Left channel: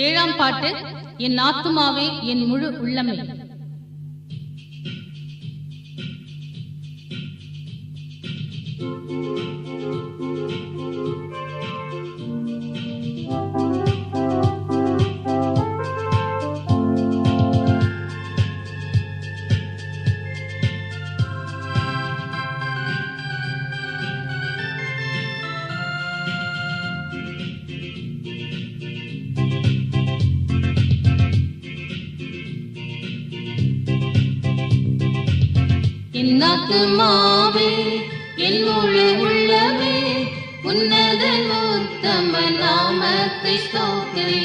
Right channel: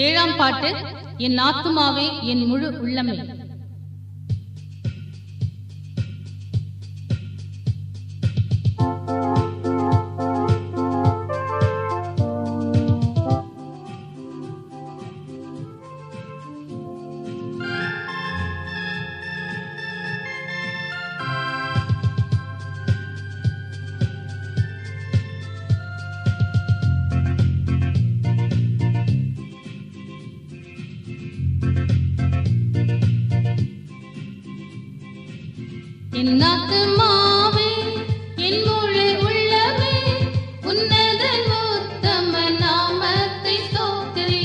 ஏழாம் பாட்டு. என் ஆத்துமாவே என் முழு உள்ளமே. என் ஆத்துமாவே என் முழு உள்ளமே உன்னதன் உத்தம நாமத்தை ஸ்தோத்திரி.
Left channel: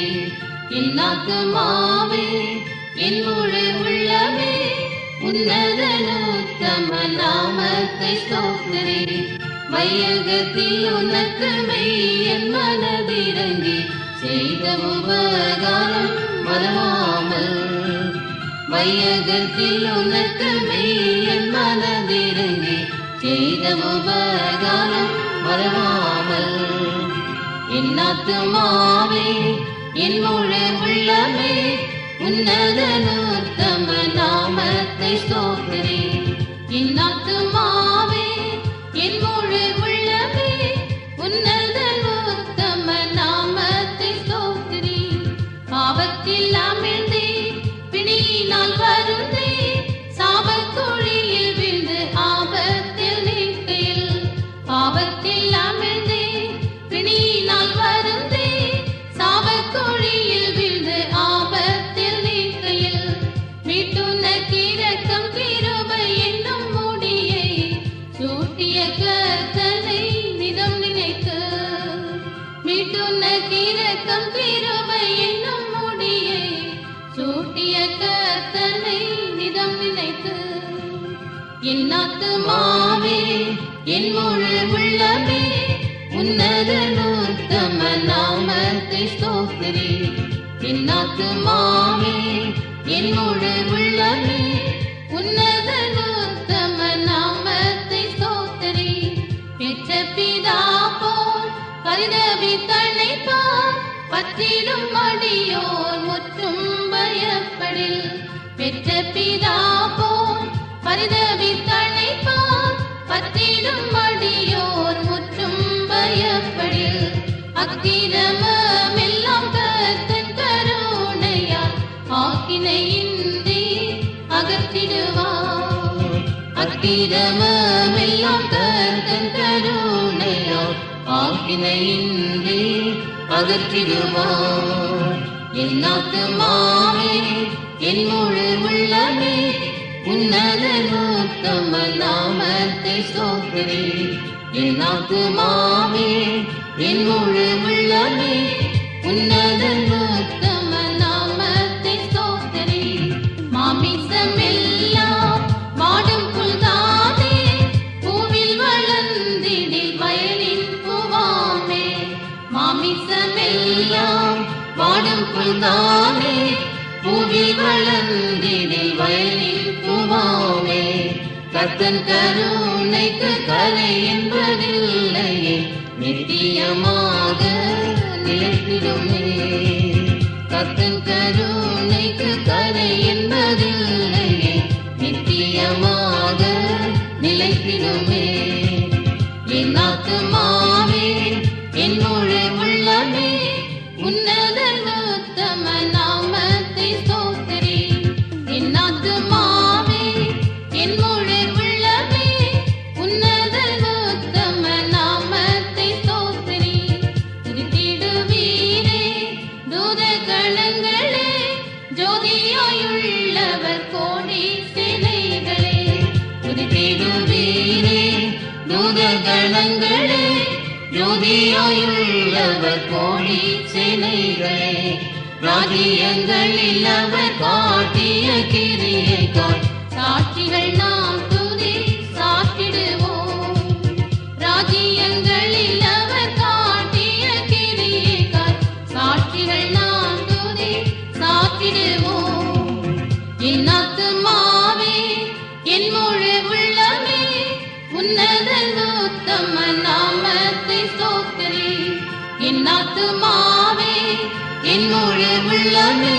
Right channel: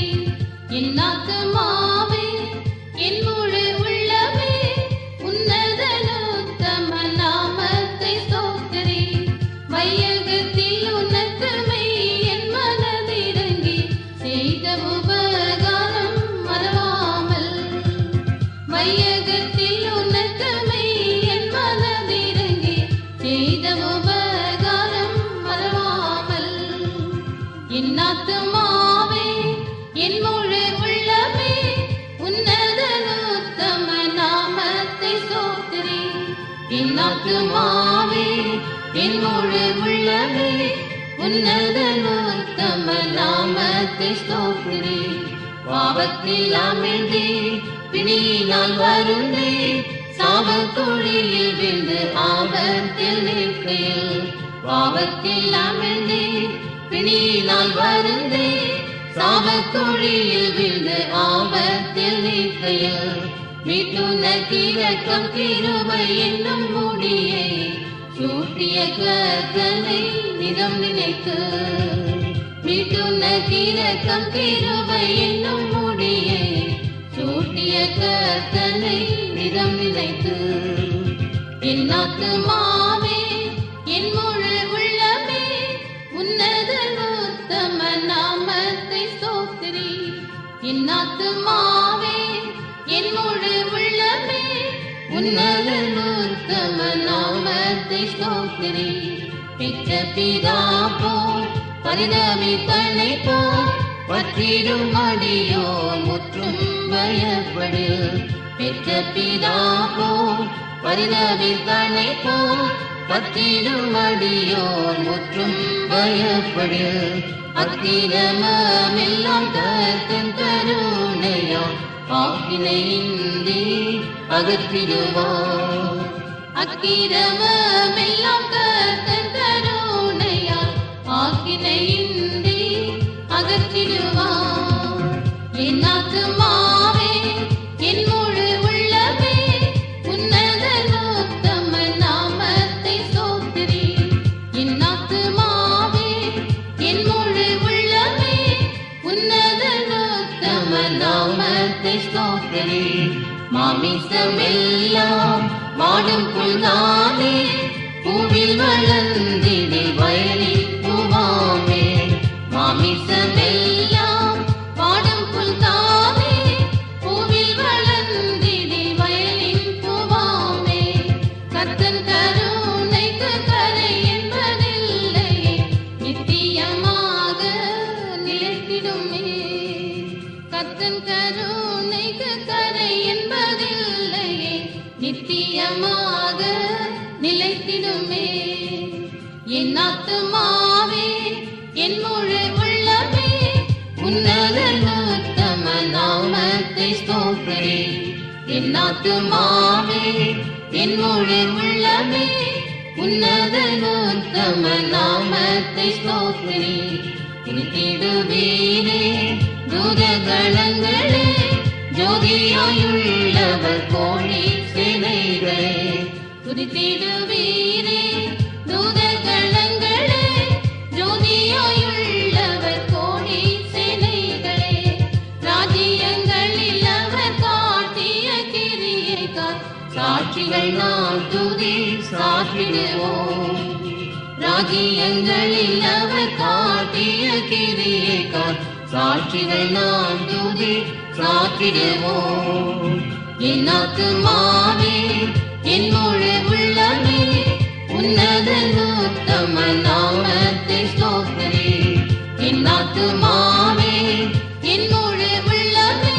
என் ஆத்துமாவே என் முழு உள்ளமே உன்னதன் உத்தம நாமத்தை ஸ்தோத்திரி. வையகத்தில் உனக்கு என் மனதிறங்கி செய்த உபகாரம் மறவாமல். வையகத்தில் உனக்கு மனதிறங்கி செய்த உபகாரம் மறவாமல். என் ஆத்துமாவே என் முழு உள்ளமே உன்னதன் உத்தம நாமத்தை ஸ்தோத்திரி. என் ஆத்துமாவே என் முழு உள்ளமே உன்னதன் உத்தம நாமத்தை ஸ்தோத்திரி. பாவத்தில் அமிழ்ந்தே பிணியினால் வருந்தே சாபக்குழியில் விழுந்து ஆபத்தில் நிற்கையில். பாவத்தில் அமிழ்ந்தே பிணியினால் வருந்தே சாபக்குழியில் விழுந்து ஆபத்தில் நிற்கையில். மீட்டுனக்கு இரக்கம் கிருபை என்னும் முடியை சூட்டிய கர்த்தனை நிதம் நினைத்து. மீட்டுனக்கு இரக்கம் கிருபை என்னும் முடியை சூட்டிய கர்த்தனை நிதம் நினைத்து. என் ஆத்துமாவே என் முழு உள்ளமே உன்னதன் உத்தம நாமத்தை ஸ்தோத்திரி. என் ஆத்துமாவே என் முழு உள்ளமே உன்னதன் உத்தம நாமத்தை ஸ்தோத்திரி. பெற்ற பிதா போல் பரிதபித்தழைப்பார் பற்றிடும் அடியோர் முற்றும் பயப்படு. பெற்ற பிதா போல் பரிதபித்தழைப்பார் பற்றிடும் அடியோர் முற்றும் பயப்படு. அக்கிரமெல்லாம் கர்த்தன் கருணையால் ஆக்கினையின்றி அகற்றிடுவார். அக்கிரமெல்லாம் கர்த்தன் கருணையால் ஆக்கினையின்றி அகற்றிடுவார். என் ஆத்துமாவே என் முழு உள்ளமே உன்னதன் உத்தம நாமத்தை ஸ்தோத்திரி. என் ஆத்துமாவே என் முழு உள்ளமே உன்னதன் உத்தம நாமத்தை ஸ்தோத்திரி. மாமிசமெல்லாம் வாடும் புல்காதே பூவில் வளர்ந்திடு வயலில் பூவாமே. மாமிசமெல்லாம் வாடும் புல்காதே பூவில் வளர்ந்திடு வயலில் பூவாமே. கர்த்தன் கருணைக்கு கலை என்பதில்லையே நித்தியமாக நிலைத்திடுமே. கர்த்தன் கருணைக்கு கலை என்பதில்லையே நித்தியமாக நிலைத்திடுமே. என் ஆத்துமாவே என் முழு உள்ளமே உன்னதன் உத்தம நாமத்தை ஸ்தோத்திரி. என் ஆத்துமாவே என் முழு உள்ளமே உன்னதன் உத்தம நாமத்தை ஸ்தோத்திரி. திருத்திடுவீரே தூதகணங்களே ஜோதியாயுள்ளவர் கோடி சேனைகளே. திருத்திடுவீரே தூதகணங்களே ஜோதியாயுள்ளவர் கோடி சேனைகளே. ராஜ்யங்களில் அவர் காட்டிய கிரியைக்காய் சாட்சிகள் நாம் துதி சாற்றிடுவோம். ராஜ்யங்களில் அவர் காட்டிய கிரியைக்காய் சாட்சிகள் நாம் துதி சாற்றிடுவோம். என் ஆத்துமாவே என் முழு உள்ளமே உன்னதன் உத்தம நாமத்தை ஸ்தோத்திரி. என் ஆத்துமாவே என் முழு உள்ளமே